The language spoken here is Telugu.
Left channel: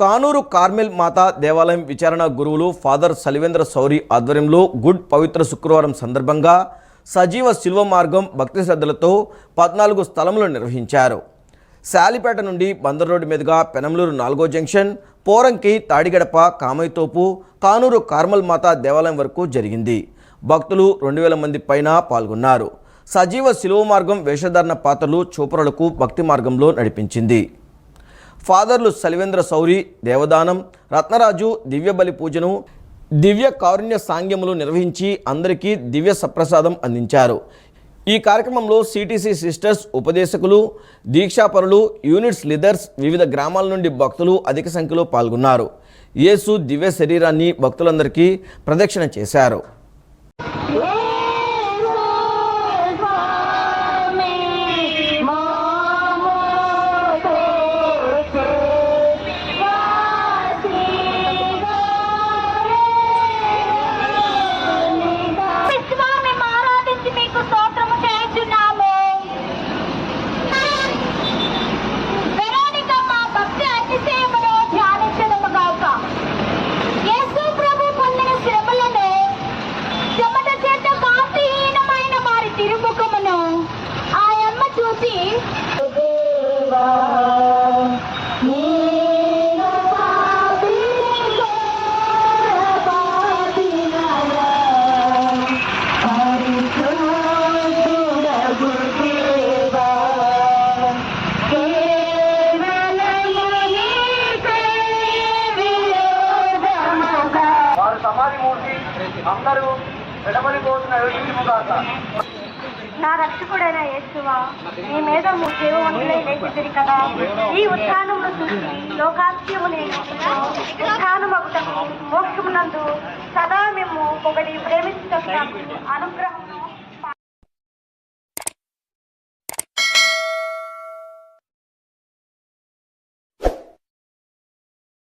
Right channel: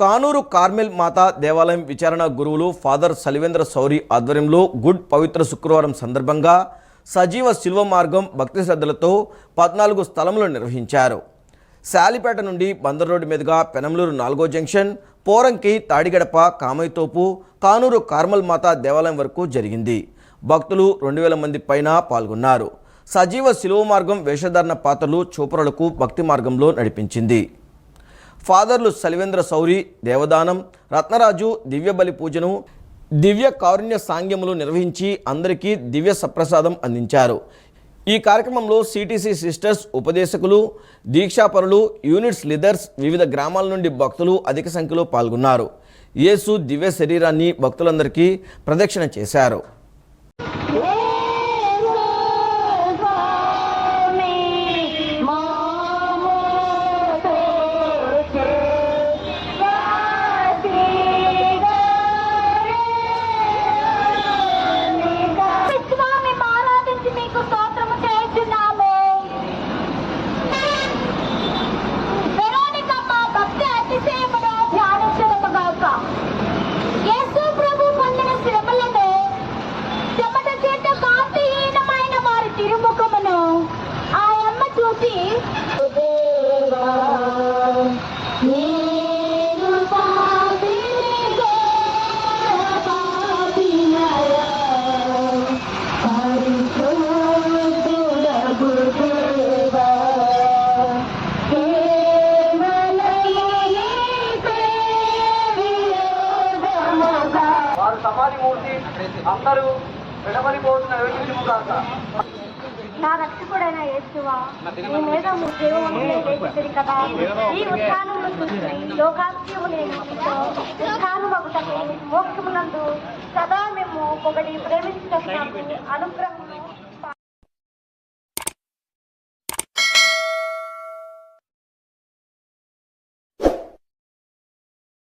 కానూరు కార్మెల్ మాతా దేవాలయం విచారణ గురువులు ఫాదర్ సలివేంద్ర సౌరి ఆధ్వర్యంలో గుడ్ పవిత్ర శుక్రవారం సందర్భంగా సజీవ శిల్వ మార్గం భక్తి శ్రద్ధలతో 14 స్థలములు నిర్వహించారు. శాలిపేట నుండి బందర్ రోడ్డు మీదుగా పెనంలూరు 4వ జంక్షన్, పోరంకి, తాడిగడప, కామయ్యతోపు, కానూరు కార్మెల్ మాతా దేవాలయం వరకు జరిగింది. భక్తులు 2000 మంది పైన పాల్గొన్నారు. సజీవ శిలువ మార్గం వేషధారణ పాత్రలు చూపరులకు భక్తి మార్గంలో నడిపించింది. ఫాదర్లు సలివేంద్ర సౌరి దేవదానం, రత్నరాజు దివ్య బలి పూజను, దివ్య కారుణ్య సాంగ్యములు నిర్వహించి అందరికీ దివ్య సప్రసాదం అందించారు. ఈ కార్యక్రమంలో సిటీసీ సిస్టర్స్, ఉపదేశకులు, దీక్షాపరులు, యూనిట్స్ లీడర్స్, వివిధ గ్రామాల నుండి భక్తులు అధిక సంఖ్యలో పాల్గొన్నారు. యేసు దివ్య శరీరాన్ని భక్తులందరికీ ప్రదక్షిణ చేశారు. నా రక్షకుడైన యేసువా, నీ మీద దేవుని లేచితిరి కదా. ఈ ఉత్థానమును చూసి లోకాస్యము లేని ఉత్థానమగుటకు మోక్షమునందు సదా మేము ఒకటి ప్రేమించుటకు అనుగ్రహం